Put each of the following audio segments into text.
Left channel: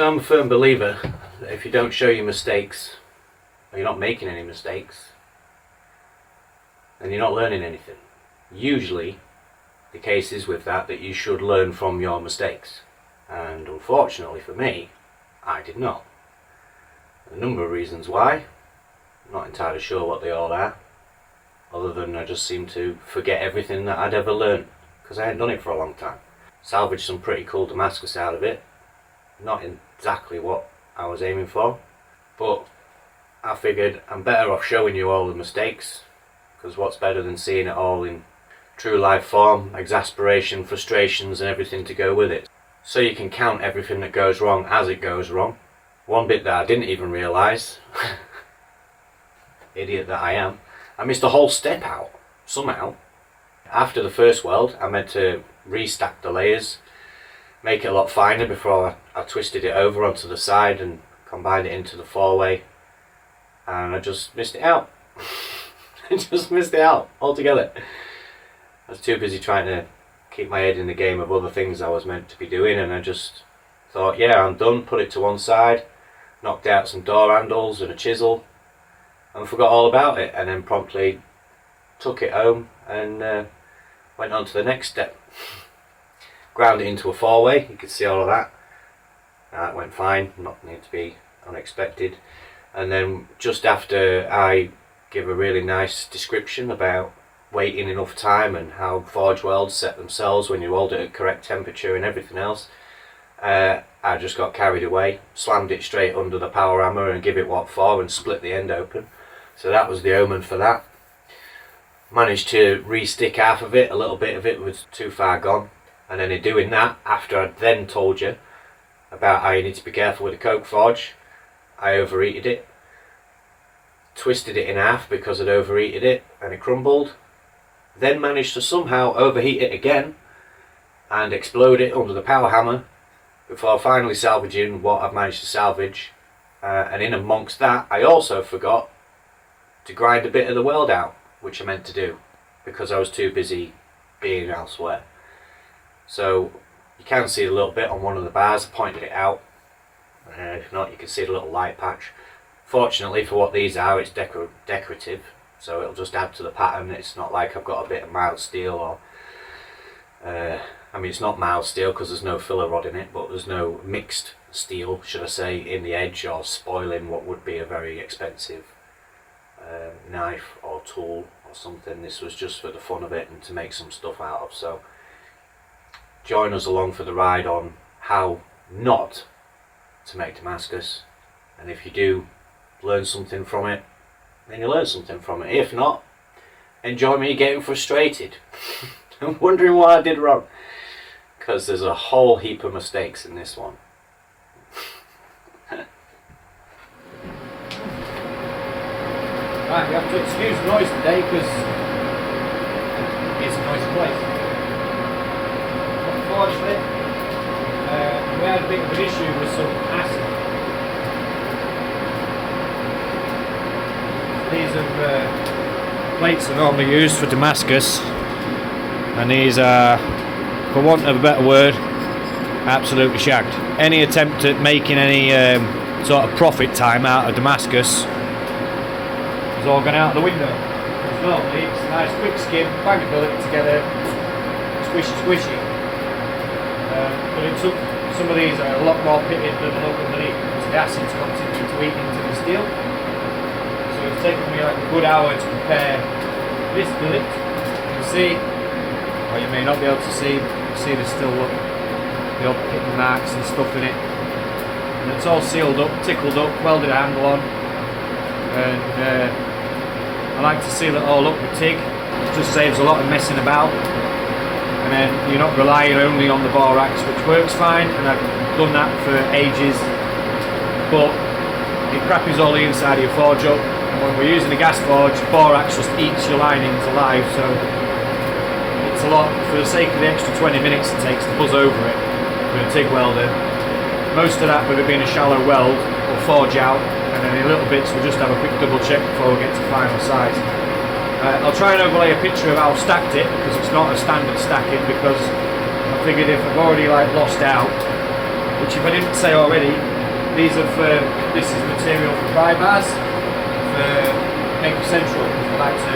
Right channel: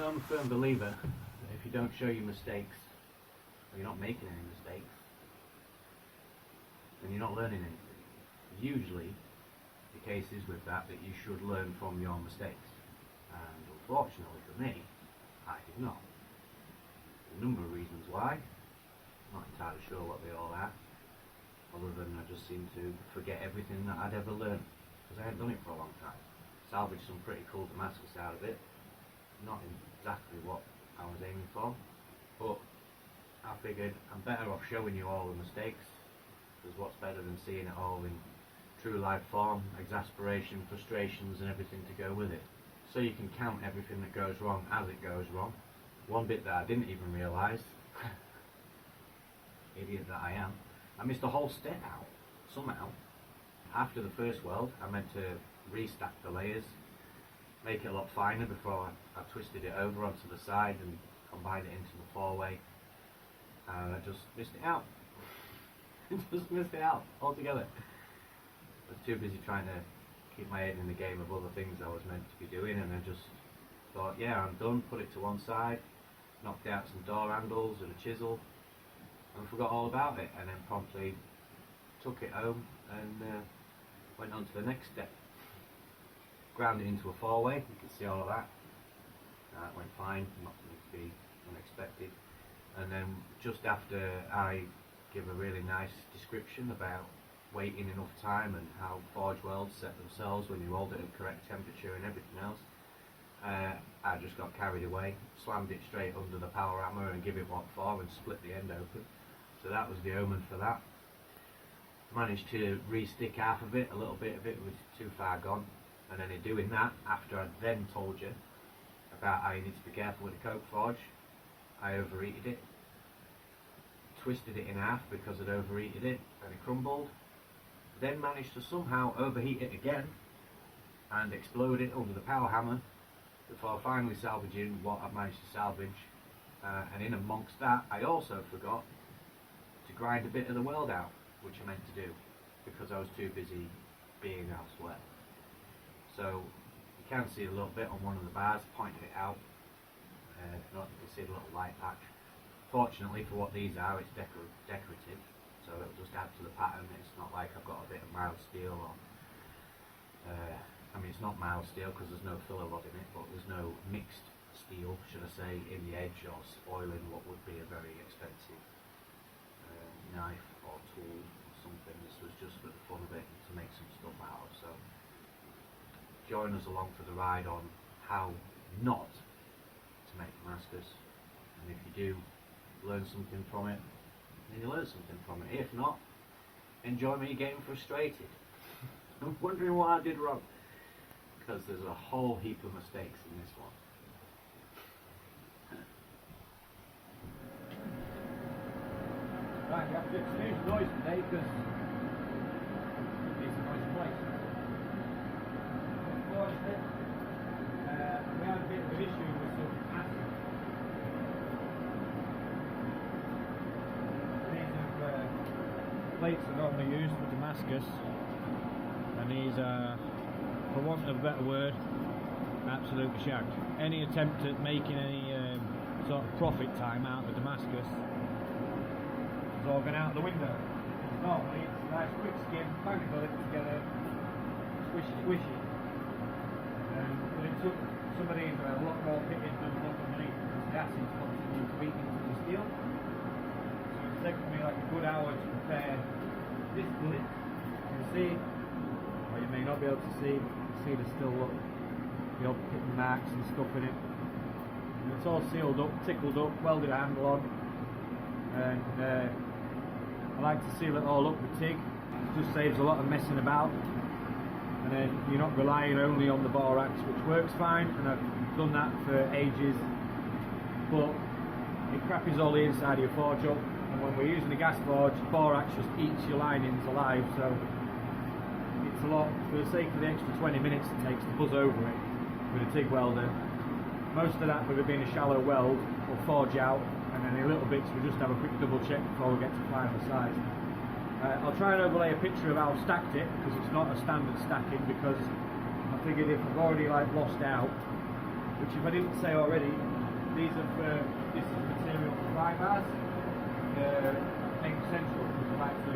So I'm a firm believer that if you don't show your mistakes, or you're not making any mistakes, then you're not learning anything. Usually the case is with that you should learn from your mistakes, and unfortunately for me, I did not. A number of reasons why, I'm not entirely sure what they all are, other than I just seem to forget everything that I'd ever learned, because I hadn't done it for a long time. Salvaged some pretty cool Damascus out of it, not exactly what I was aiming for, but I figured I'm better off showing you all the mistakes, because what's better than seeing it all in true life form, exasperation, frustrations and everything to go with it. So you can count everything that goes wrong as it goes wrong. One bit that I didn't even realise, idiot that I am, I missed a whole step out, somehow. After the first weld, I meant to restack the layers, make it a lot finer before I twisted it over onto the side and combined it into the four-way, and I just missed it out. I just missed it out altogether. I was too busy trying to keep my head in the game of other things I was meant to be doing, and I just thought, yeah, I'm done, put it to one side, knocked out some door handles and a chisel, and forgot all about it, and then promptly took it home and went on to the next step. Ground it into a four-way, you could see all of that. That went fine, not need to be unexpected. And then just after I give a really nice description about waiting enough time and how forge welds set themselves when you weld it at correct temperature and everything else, I just got carried away, slammed it straight under the power hammer and give it what for and split the end open. So that was the omen for that. Managed to re-stick half of it, a little bit of it was too far gone, and then in doing that, after I'd then told you about how you need to be careful with the coke forge, I overheated it, twisted it in half because I'd overheated it and it crumbled, then managed to somehow overheat it again and explode it under the power hammer before finally salvaging what I've managed to salvage. And in amongst that, I also forgot to grind a bit of the weld out, which I meant to do because I was too busy being elsewhere. So you can see a little bit on one of the bars, I pointed it out. If not, you can see the little light patch. Fortunately for what these are, it's decorative, so it'll just add to the pattern. It's not like I've got a bit of mild steel, or I mean, it's not mild steel because there's no filler rod in it, but there's no mixed steel, should I say, in the edge, or spoiling what would be a very expensive knife or tool or something. This was just for the fun of it and to make some stuff out of. So join us along for the ride on how not to make Damascus, and if you do learn something from it, then you learn something from it. If not, enjoy me getting frustrated and wondering what I did wrong, because there's a whole heap of mistakes in this one. Right, we have to excuse the noise today because it's a noisy place. Unfortunately, we had a bit of an issue with some acid. These are plates are normally used for Damascus, and these are, for want of a better word, absolutely shagged. Any attempt at making any sort of profit time out of Damascus is all gone out the window. Because normally it's a nice quick skim, bang the billet together, squishy squishy. But it took some of these are a lot more pitted than the look underneath because the acid's continuing to eat into the steel. So it's taken me like a good hour to prepare this billet. You can see, or you may not be able to see, but you can see there's still the odd pitting marks and stuff in it. And it's all sealed up, tickled up, welded a handle on, and I like to seal it all up with TIG. It just saves a lot of messing about, and then you're not relying only on the borax, which works fine, and I've done that for ages, but it crappies all the inside of your forge up, and when we're using a gas forge, borax just eats your linings alive, so it's a lot, for the sake of the extra 20 minutes it takes to buzz over it with a TIG welder. Most of that, with it being a shallow weld, will forge out, and then in little bits we'll just have a quick double check before we get to final size. I'll try and overlay a picture of how I've stacked it, because it's not a standard stacking, because I figured if I've already like lost out which if I didn't say already, this is material for pry bars for Maker Central. I'd like to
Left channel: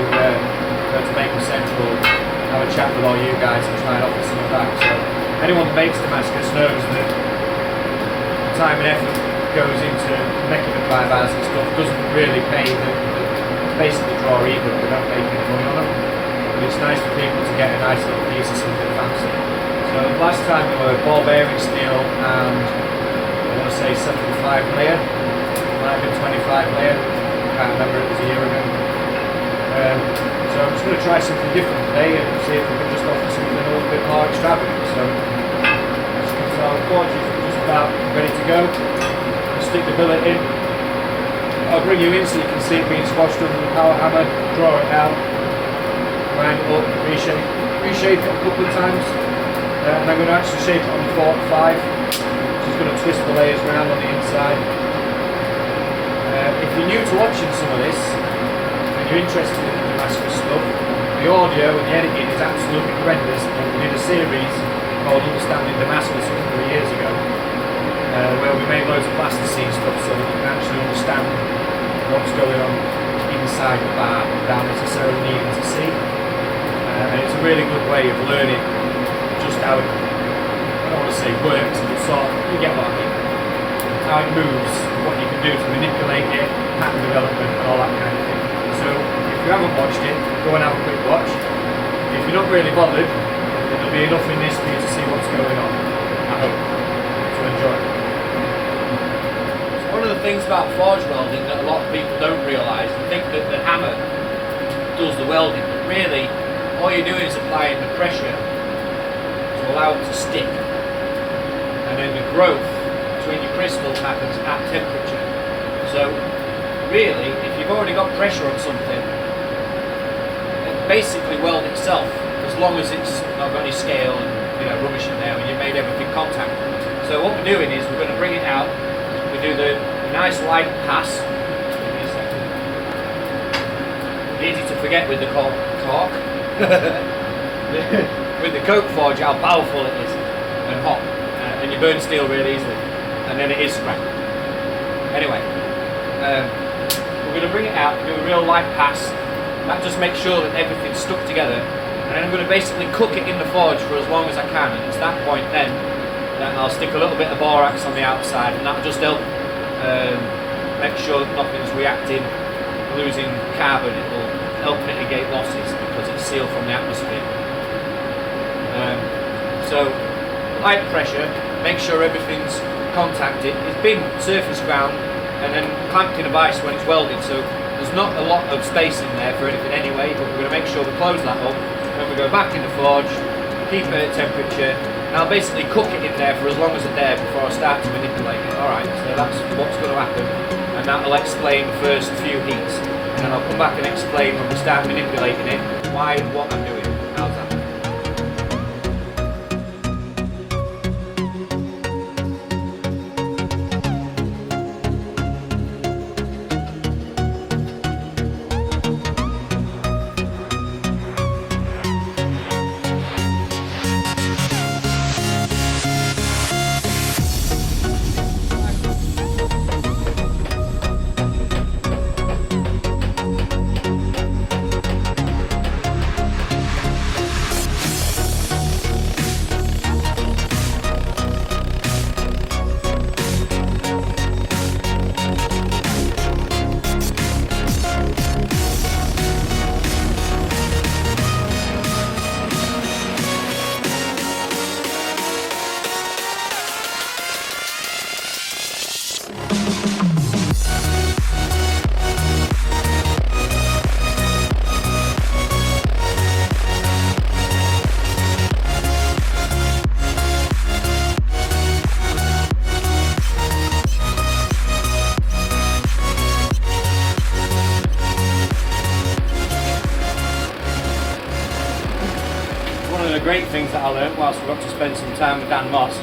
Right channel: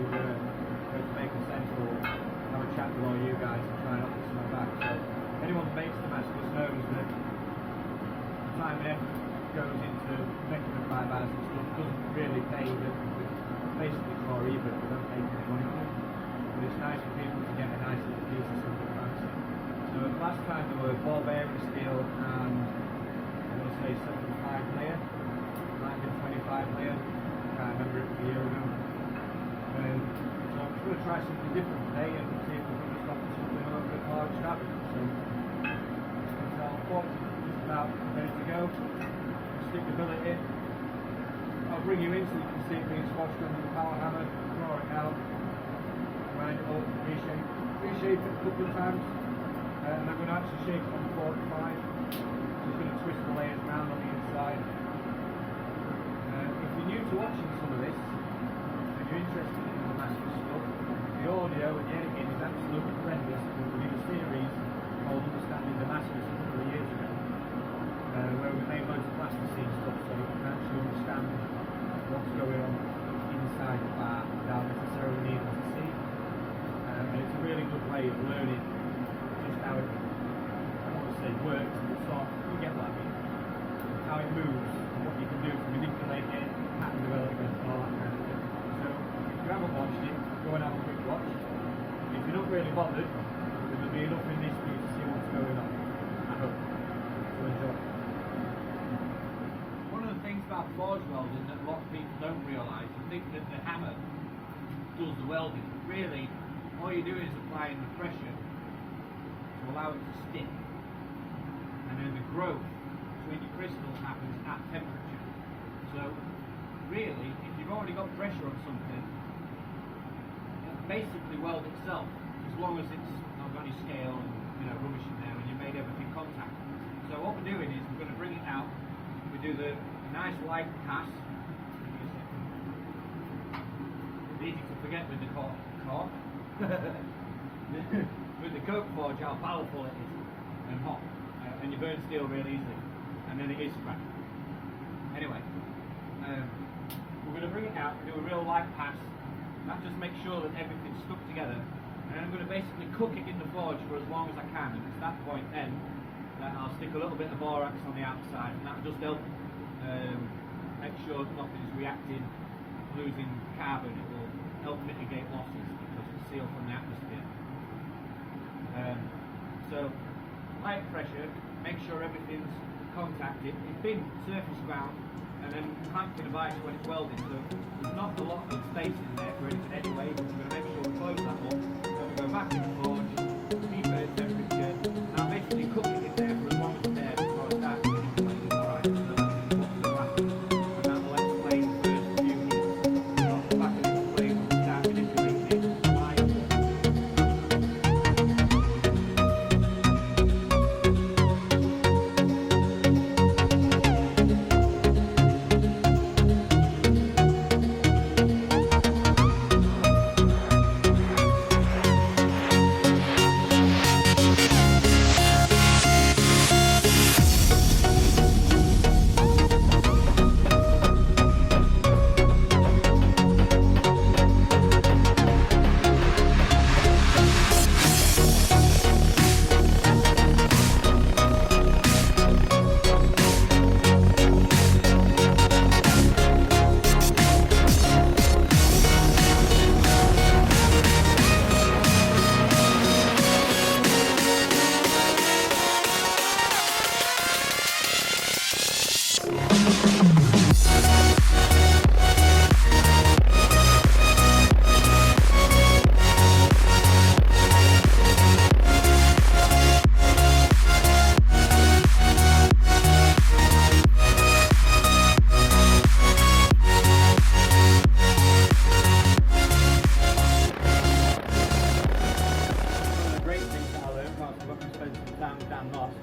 go to Maker Central, have a chat with all you guys and try and offer some of that. So anyone that makes Damascus knows that time and effort goes into making the pry bars and stuff doesn't really pay the basically draw even if they don't make any money on them. But it's nice for people to get a nice little piece of something fancy. So last time they were ball bearing steel and I want to say 75 layer, might have been 25 layer, can't remember, it was a year ago. So I'm just going to try something different today and see if we can just offer something a little bit more extravagant. So as you can tell, the forge is just about ready to go. Stick the billet in. I'll bring you in so you can see it being squashed under the power hammer, draw it out, wind it up, reshape it a couple of times. And I'm going to actually shape it on the 45, which is going to twist the layers around on the inside. If you're new to watching some of this, and you're interested in the Damascus stuff, the audio and the editing is absolutely horrendous. And we did a series called Understanding Damascus a couple of years ago, where we made loads of plasticine stuff so that you can actually understand what's going on inside the bar without necessarily needing to see. And it's a really good way of learning just how it, I don't want to say works, but sort of, you get what I mean, how it moves, what you can do to manipulate it, pattern development and all that kind of thing. So if you haven't watched it, go and have a quick watch. If you're not really bothered, there'll be enough in this for you to see what's going on. I hope. So enjoy. One of the things about forge welding that a lot of people don't realise, they think that the hammer does the welding, but really all you're doing is applying the pressure to allow it to stick, and then the growth between your crystals happens at temperature. So really, if you've already got pressure on something, it basically weld itself, as long as it's not got any scale and rubbish in there and you've made everything contact. So what we're doing is we're going to bring it out, we do the nice light pass. Give me a second. Easy to forget with the cork. With the coke forge, how powerful it is and hot, and you burn steel really easily, and then it is scrap. Anyway, we're going to bring it out, do a real light pass. That just makes sure that everything's stuck together, and then I'm going to basically cook it in the forge for as long as I can. And it's that point then that I'll stick a little bit of borax on the outside, and that'll just help make sure that nothing's reacting, losing carbon. It will help mitigate losses because it's sealed from the atmosphere. So light pressure, make sure everything's contacted. It's been surface ground and then clamped in a vise when it's welded, so there's not a lot of space in there for anything anyway, but we're going to make sure we close that up. Then we go back in the forge, keep it at temperature, and I'll basically cook it in there for as long as it's there before I start to manipulate it. Alright, so that's what's going to happen, and that'll explain the first few heats. And I'll come back and explain when we start manipulating it, why and what I'm doing. How's that? Great things that I learned whilst we got to spend some time with Dan Moss.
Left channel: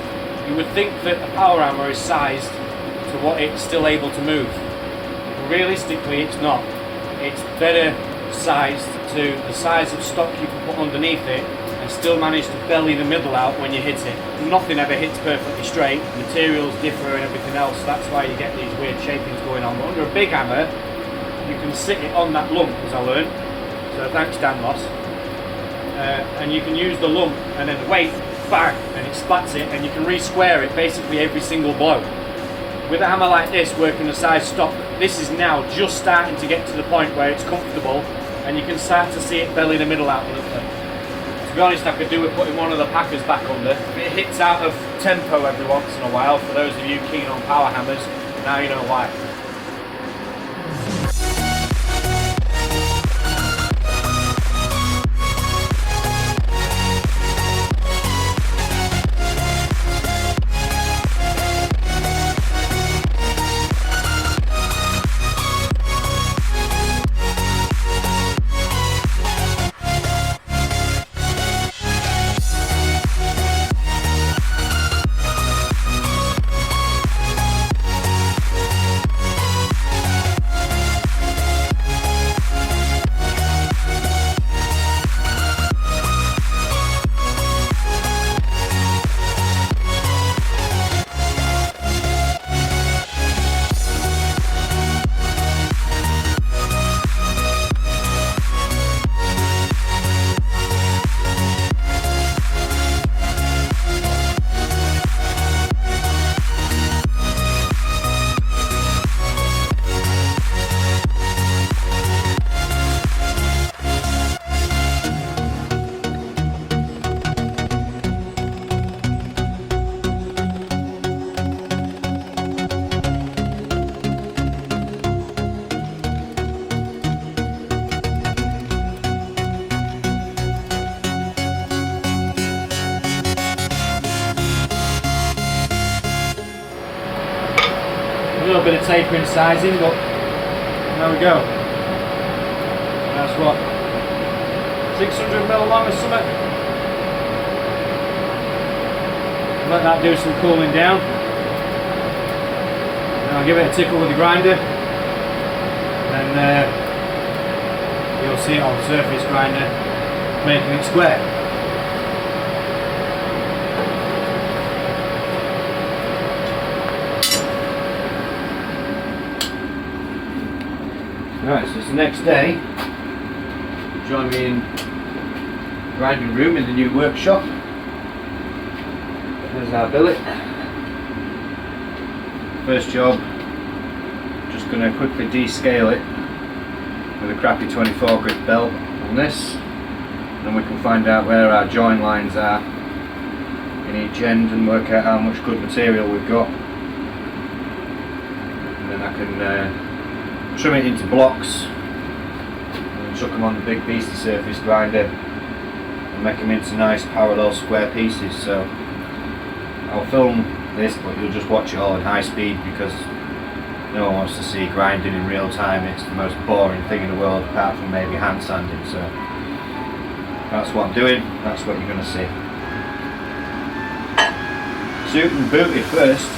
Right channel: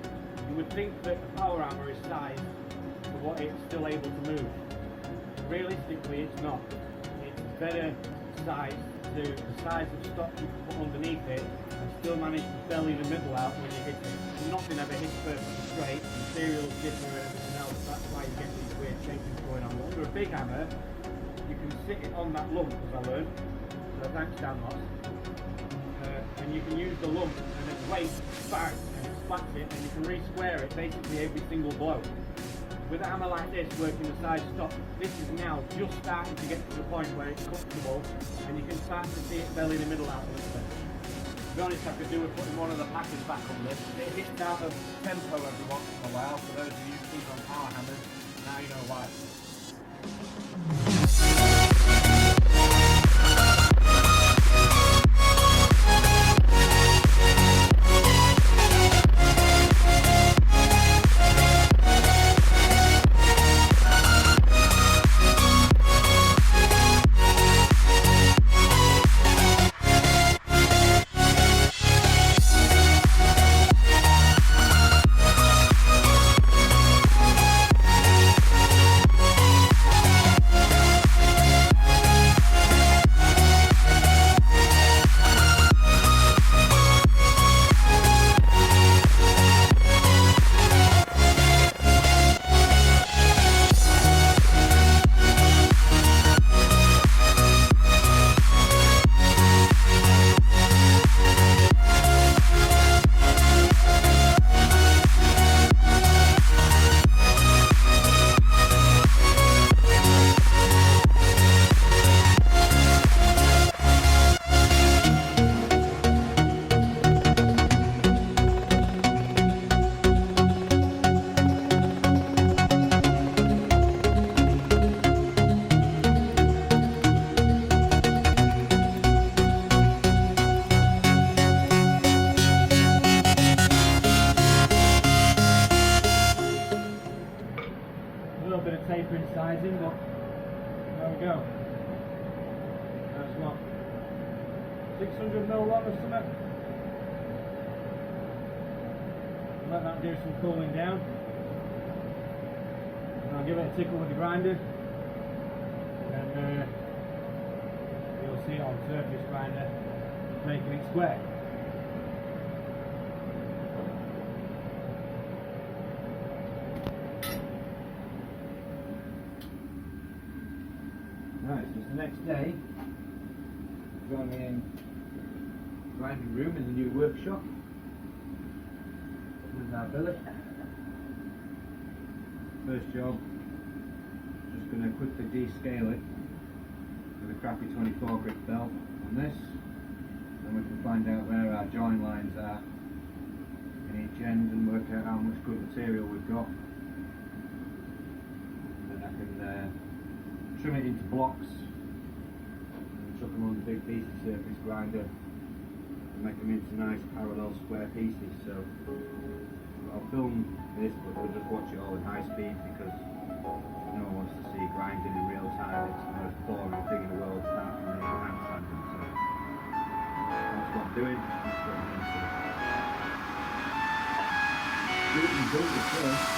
You would think that a power hammer is sized to what it's still able to move. Realistically, it's not. It's better sized to the size of stock you can put underneath it and still manage to belly the middle out when you hit it. Nothing ever hits perfectly straight, materials differ and everything else, that's why you get these weird shapings going on. But under a big hammer, you can sit it on that lump, as I learned, so thanks Dan Moss. And you can use the lump and then the weight, bang, and it splats it, and you can re-square it basically every single blow. With a hammer like this, working the size stock, this is now just starting to get to the point where it's comfortable and you can start to see it belly the middle out a little bit. To be honest, I could do with putting one of the packers back under. If it hits out of tempo every once in a while, for those of you keen on power hammers, now you know why. A little bit of tapering sizing, but there we go. That's what, 600 mil long or something. Let that do some cooling down. And I'll give it a tickle with the grinder. And you'll see it on the surface grinder making it square. Right, so it's the next day. Join me in the grinding room in the new workshop. There's our billet. First job, just going to quickly descale it with a crappy 24 grit belt on this. And then we can find out where our join lines are in each end and work out how much good material we've got. And then I can trim it into blocks and chuck them on the big beastie surface grinder and make them into nice parallel square pieces. So I'll film this, but you'll just watch it all in high speed because no one wants to see grinding in real time. It's the most boring thing in the world apart from maybe hand sanding. So that's what I'm doing, that's what you're going to see. Shootin booted first.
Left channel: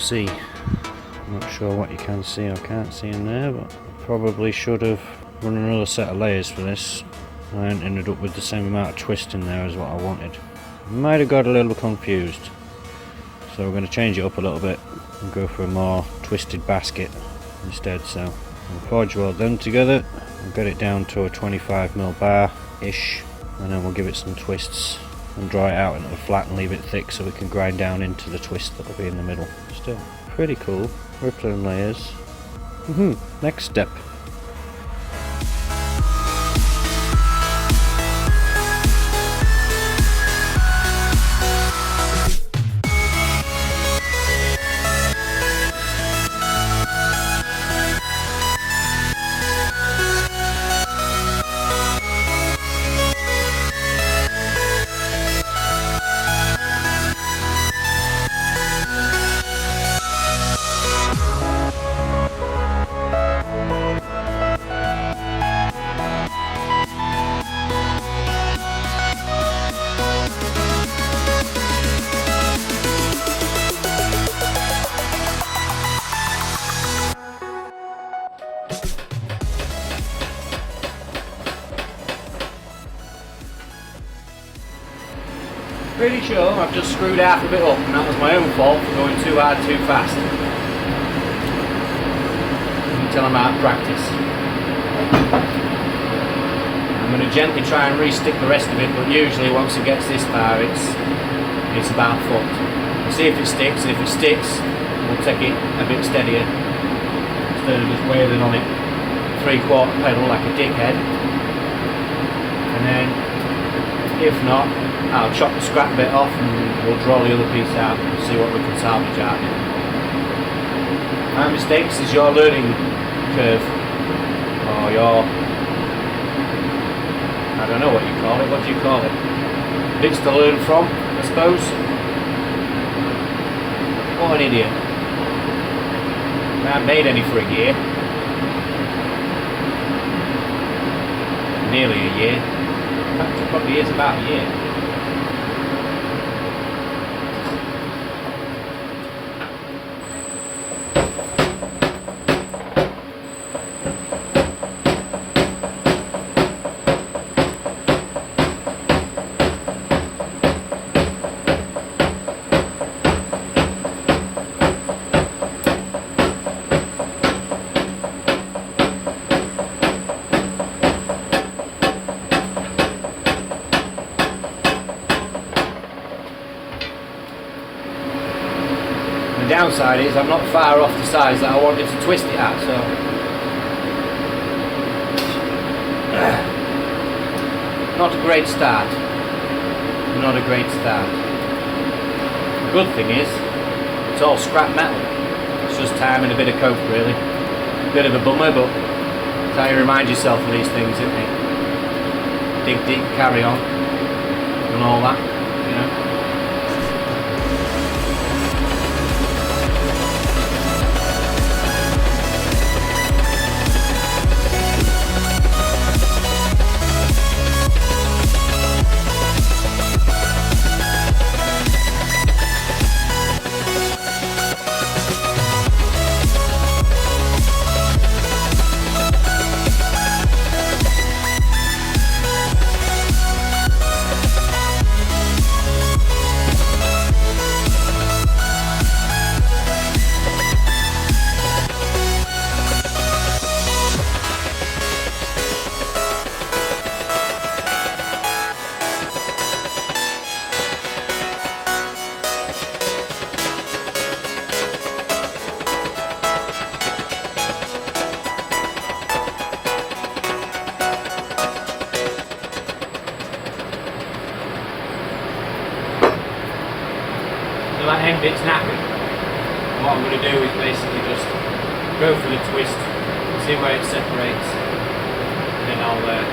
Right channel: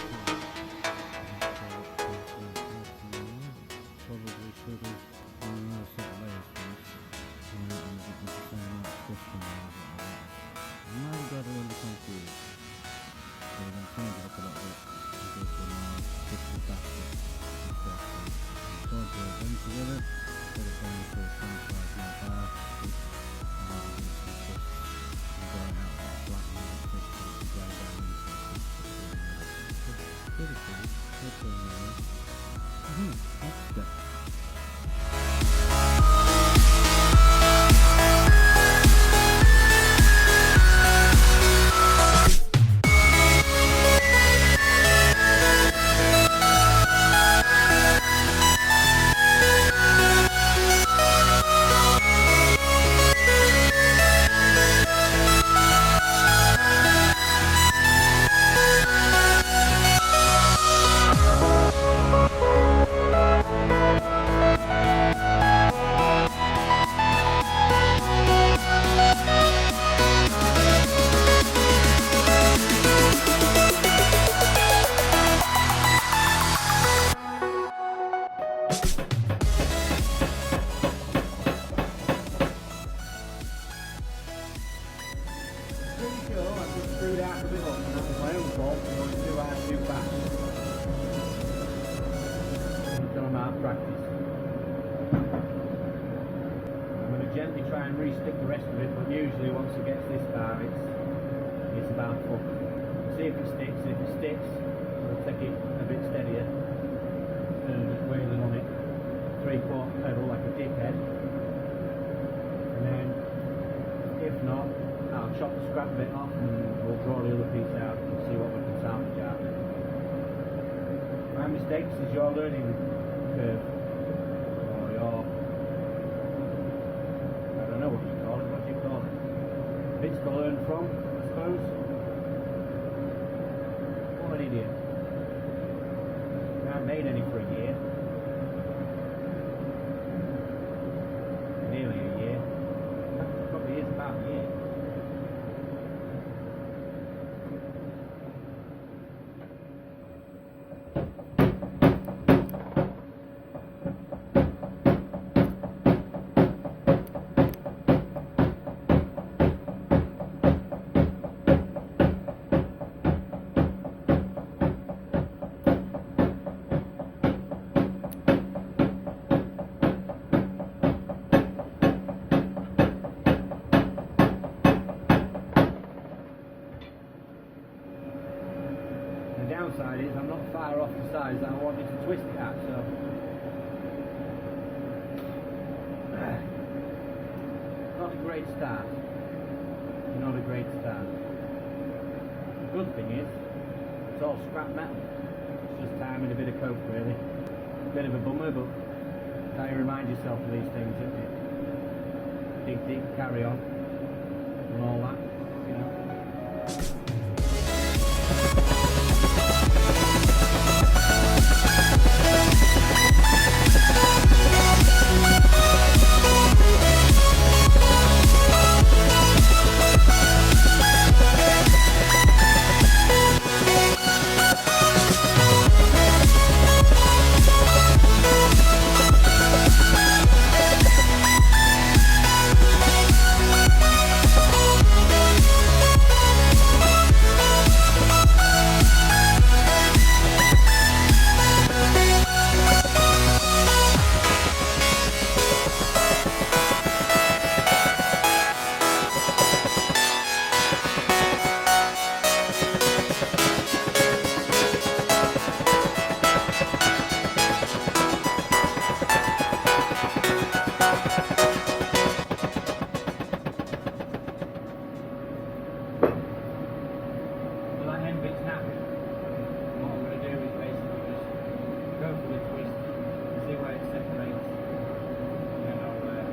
See, I'm not sure what you can see or can't see in there, but probably should have run another set of layers for this. I ended up with the same amount of twist in there as what I wanted. Might have got a little confused. So we're going to change it up a little bit and go for a more twisted basket instead. So we'll forge weld them together, we'll get it down to a 25mm bar-ish, and then we'll give it some twists and dry it out into a flat and leave it thick so we can grind down into the twist that will be in the middle. Still pretty cool, rippling layers. Next step. Pretty sure I've just screwed half of it up, and that was my own fault for going too hard too fast. You can tell I'm out of practice. I'm going to gently try and re-stick the rest of it, but usually once it gets this far it's about fucked. We'll see if it sticks, and if it sticks we'll take it a bit steadier instead of just wailing on it 3/4 pedal like a dickhead. And then if not, I'll chop the scrap bit off and we'll draw the other piece out and see what we can salvage out of it. My mistakes is your learning curve, or your, I don't know what you call it, what do you call it? Bits to learn from, I suppose. What an idiot. I haven't made any for a year. Nearly a year. In fact, it probably is about a year. The downside is I'm not far off the size that I wanted to twist it at, so not a great start. Not a great start. The good thing is it's all scrap metal. It's just time and a bit of coke, really. Bit of a bummer, but that's how you remind yourself of these things, isn't it? Dig deep, carry on, and all that, you know. So that end bit's knackered. And what I'm going to do is basically just go for the twist, see where it separates, and then I'll nip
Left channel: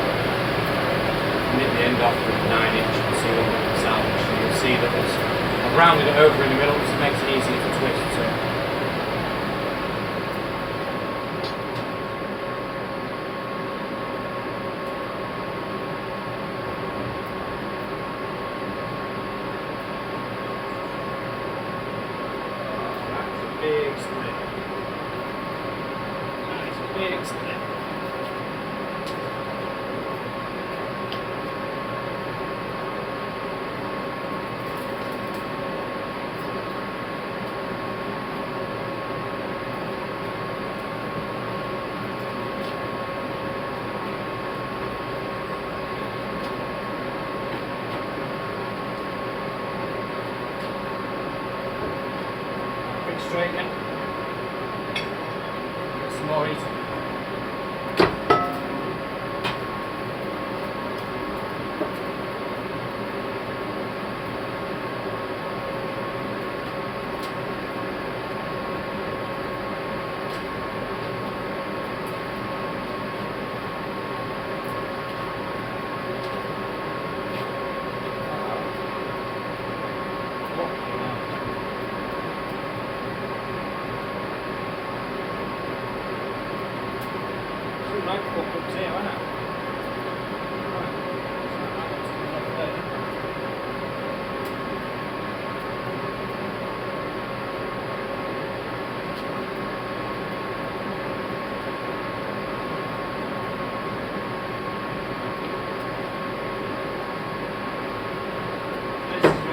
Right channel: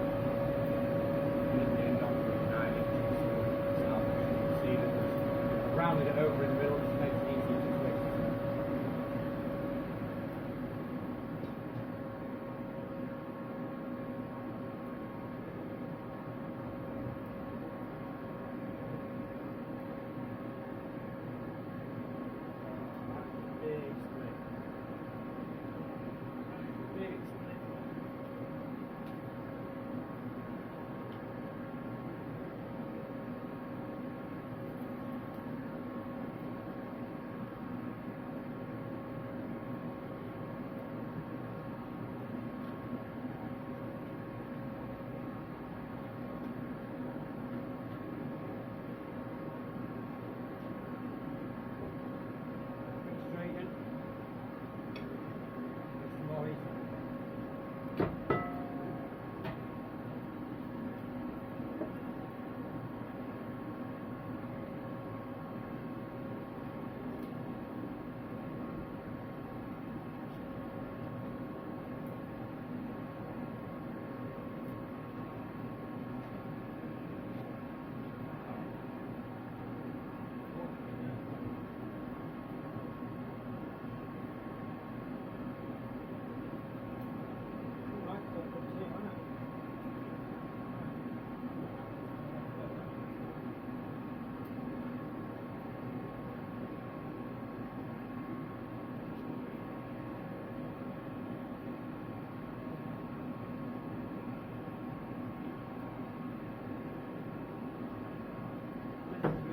the end off with a 9" and see what we can salvage. And you'll see that I've rounded it over in the middle, so it makes it easier to twist. So. Big split. That is a big split. again. Get some more Itro.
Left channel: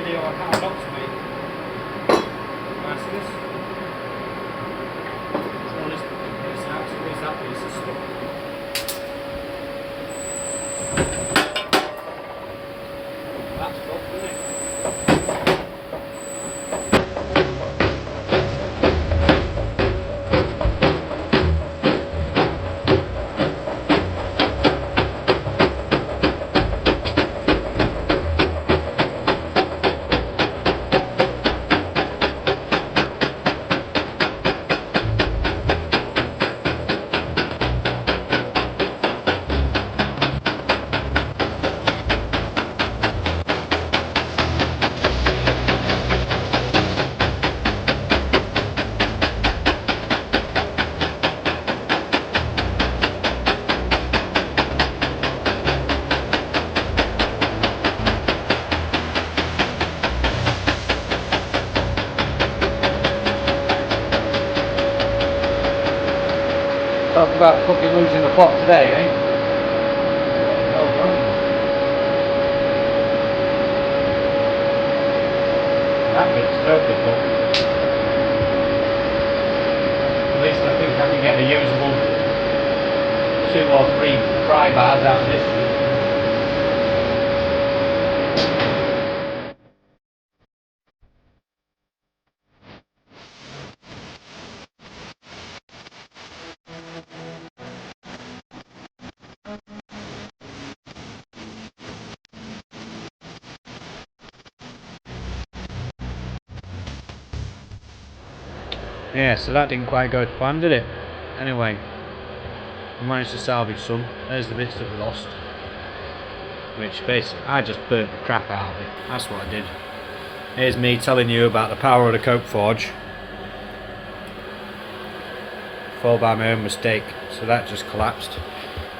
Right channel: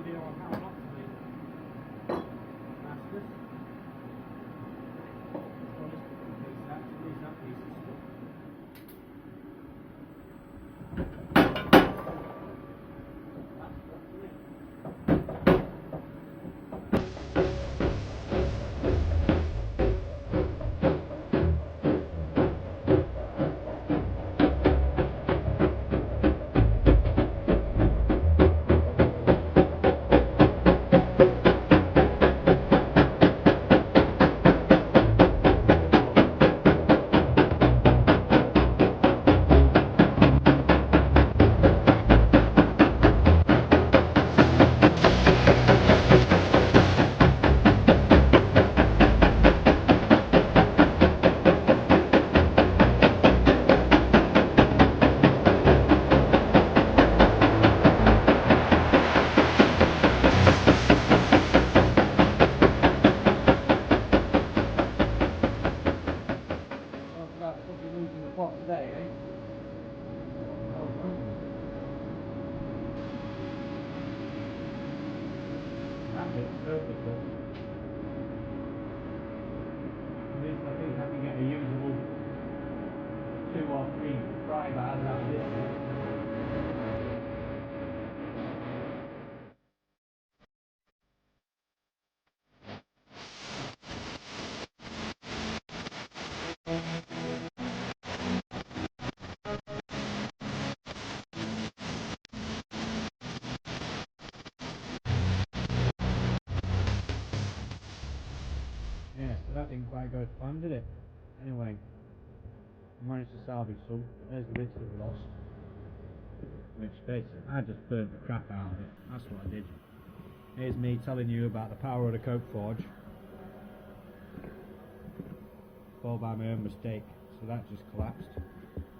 I can't lock to me. Damascus. So let's get this out. So where's that piece of stuff? That's fucked, isn't it? Talk about fucking losing the plot today, eh? Oh, right. That bit's totally fucked. At least I think I can get a usable 2 or 3 pry bars out of this. Yeah, so that didn't quite go to plan, did it? Anyway, we managed to salvage some. There's the bits that we lost. Which basically, I just burnt the crap out of it. That's what I did. Here's me telling you about the power of the coke forge. Fall by my own mistake. So that just collapsed.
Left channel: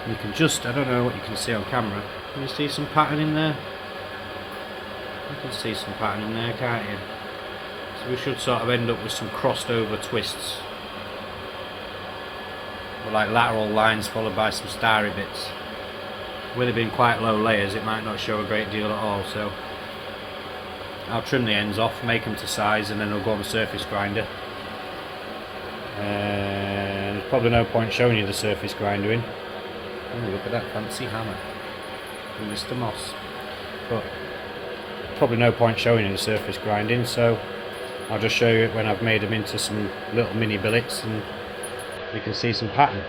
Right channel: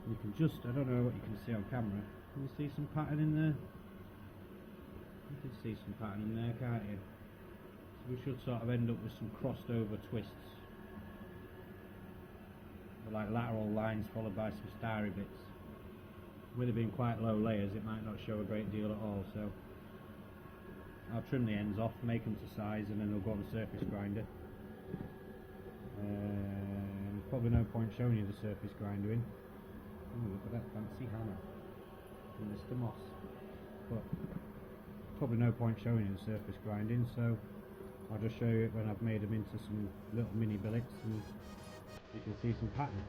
You can just, I don't know what you can see on camera. Can you see some pattern in there? You can see some pattern in there, can't you? So we should sort of end up with some crossed over twists. Or like lateral lines followed by some starry bits. With it being quite low layers, it might not show a great deal at all, so I'll trim the ends off, make them to size, and then they'll go on the surface grinder. There's probably no point showing you the surface grindering. Oh, look at that fancy hammer from Mr. Moss. But probably no point showing you the surface grinding, so I'll just show you it when I've made them into some little mini billets and you can see some pattern.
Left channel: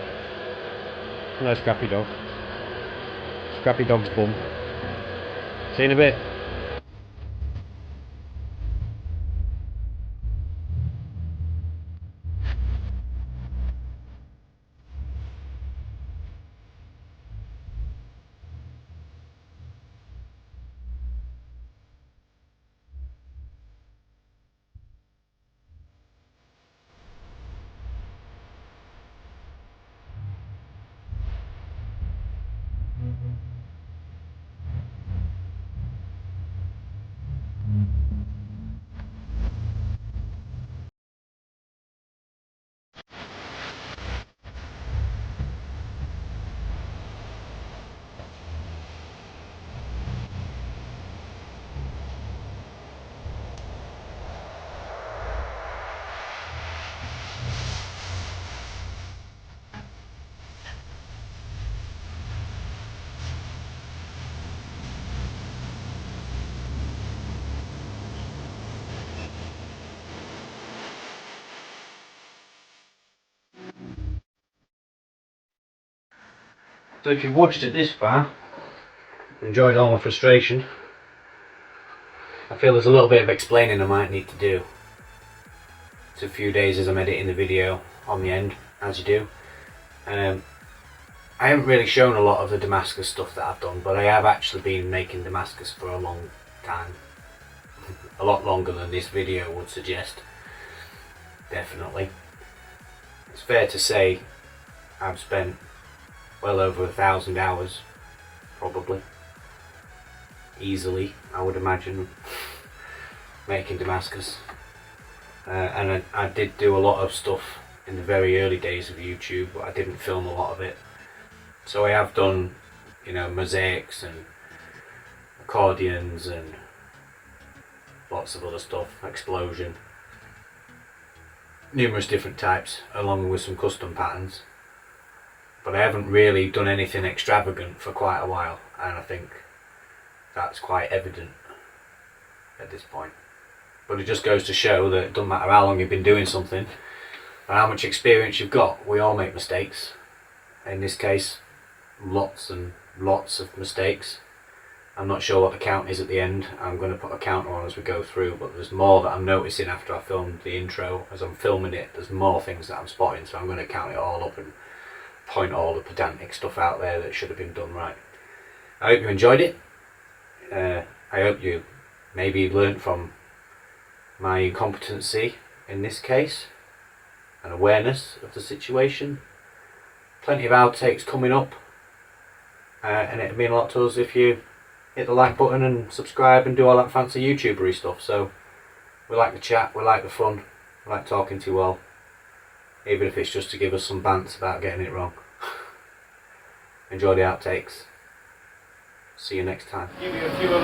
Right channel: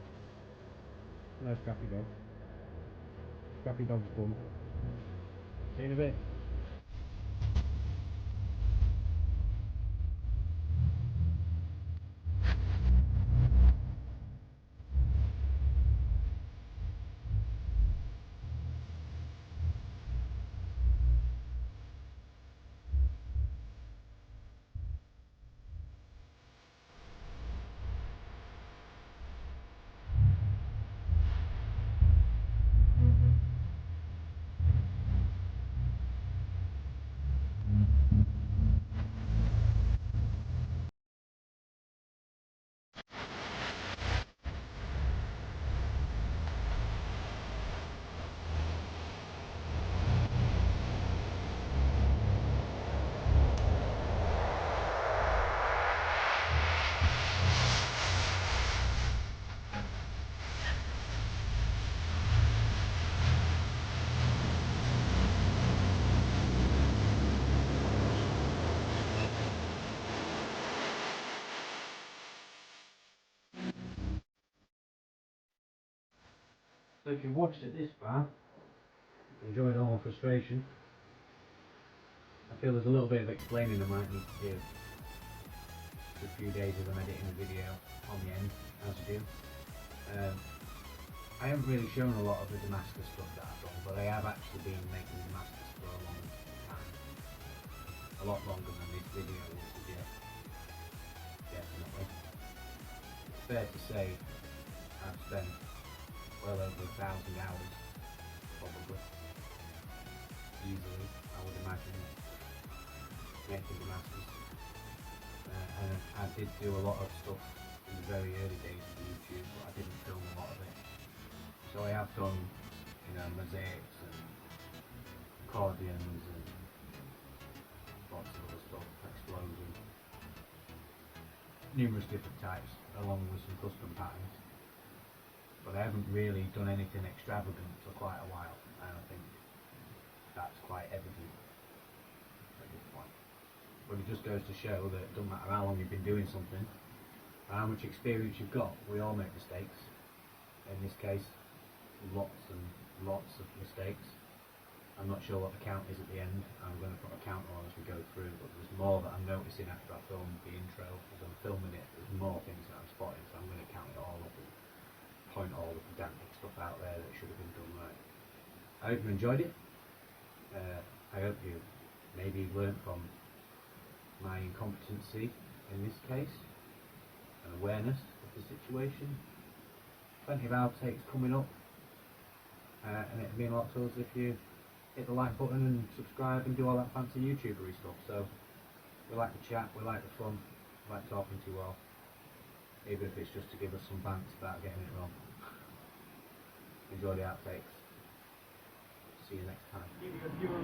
Hello, Scrappy Dog. Scrappy Dog's bum. See you in a bit. So if you've watched it this far, enjoyed all my frustration, I feel there's a little bit of explaining I might need to do. It's a few days as I'm editing the video on the end, as you do. I haven't really shown a lot of the Damascus stuff that I've done, but I have actually been making Damascus for a long time. A lot longer than this video would suggest. Definitely. It's fair to say I've spent well over 1,000 hours, probably. Easily, I would imagine, making Damascus. And I did do a lot of stuff in the very early days of YouTube, but I didn't film a lot of it. So I have done, you know, mosaics and accordions and lots of other stuff, explosion, numerous different types, along with some custom patterns. But I haven't really done anything extravagant for quite a while, and I think that's quite evident at this point. But it just goes to show that it doesn't matter how long you've been doing something and how much experience you've got. We all make mistakes. In this case, lots and lots of mistakes. I'm not sure what the count is at the end. I'm going to put a counter on as we go through, but there's more that I'm noticing after I filmed the intro. As I'm filming it, there's more things that I'm spotting, so I'm going to count it all up and point all the pedantic stuff out there that should have been done right. I hope you enjoyed it. I hope you maybe learnt from my incompetency in this case, and awareness of the situation. Plenty of outtakes coming up, and it'd mean a lot to us if you hit the like button and subscribe and do all that fancy YouTubery stuff. So we like the chat, we like the fun, we like talking to you all, even if it's just to give us some bants about getting it wrong. Enjoy the outtakes. See you next time. Give you a few little.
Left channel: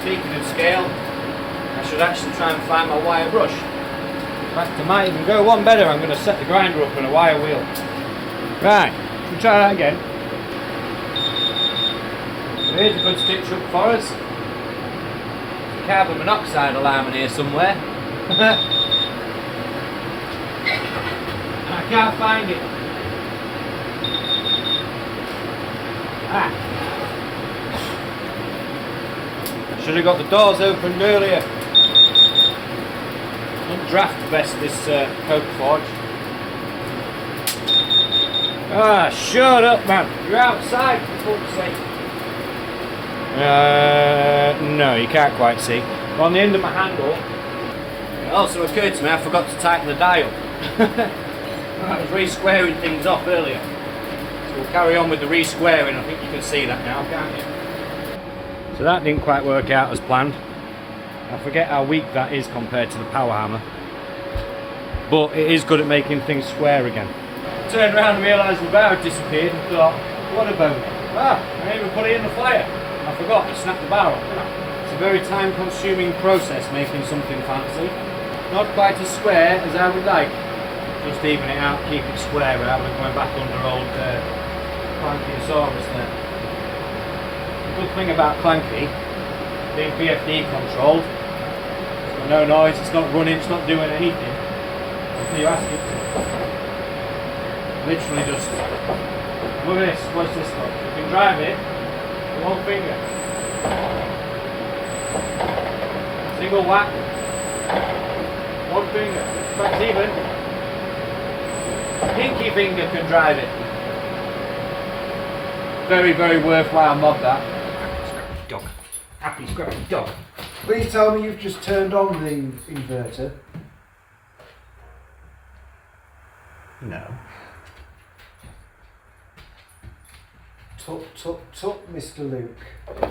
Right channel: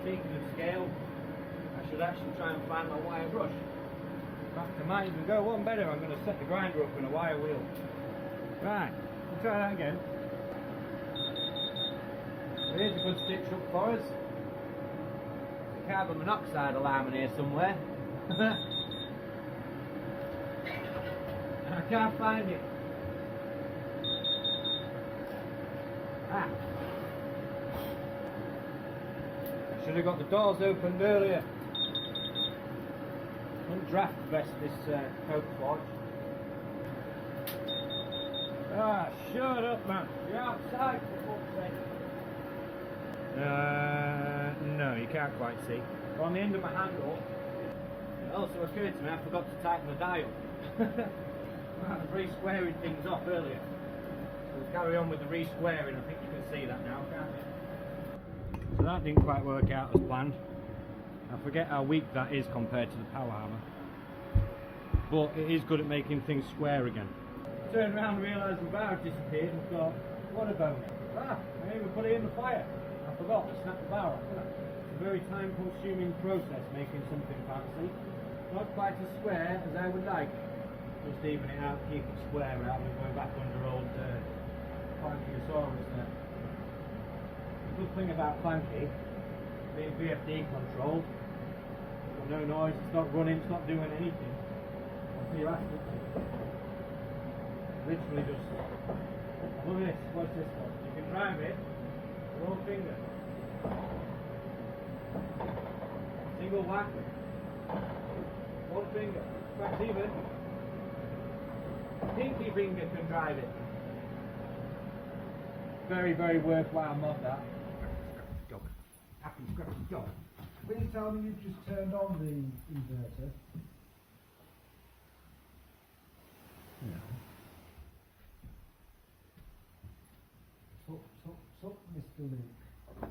Speaking of scale, I should actually try and find my wire brush. In fact, I might even go one better. I'm going to set the grinder up on a wire wheel. Right, we'll try that again. So here's a good stitch up for us. There's a carbon monoxide alarm in here somewhere. I can't find it. I should have got the doors opened earlier. Don't draft vest this coke forge. Ah, shut up, man. You're outside, for fuck's sake. No, you can't quite see. On the end of my handle. It also occurred to me I forgot to tighten the dial. I was re-squaring things off earlier. So we'll carry on with the re-squaring. I think you can see that now, can't you? So that didn't quite work out as planned. I forget how weak that is compared to the power hammer. But it is good at making things square again. I turned around and realised the bar had disappeared and thought, what about it? Ah, I didn't even put it in the fire. I forgot to snap the bar off. It's a very time consuming process making something fancy. Not quite as square as I would like. Just even it out, keep it square rather than going back under old Clanky-osaurus there. The good thing about Clanky, being PFD controlled, it's got no noise, it's not running, it's not doing anything until you ask it to. Literally just, look at this, what's this called? You can drive it with one finger. Single whack, one finger, that's even. Pinky finger can drive it. Very, very worthwhile mod that. Happy scrappy dog. Happy scrappy dog. Please tell me you've just turned on the inverter. No. Tut, Mr. Luke. I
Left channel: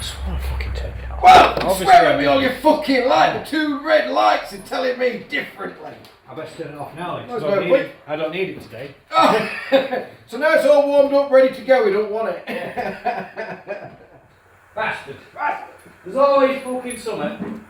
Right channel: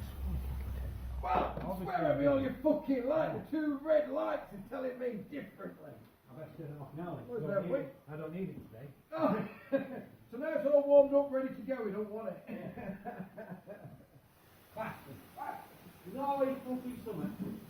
just want to fucking turn it off. Well, Obviously swear I at me did. all your fucking light. The two red lights are telling me differently. I best turn it off now. Let's go, quick. I don't need it today. Oh. So now it's all warmed up, ready to go. We don't want it. Bastard. Bastard. There's always fucking something.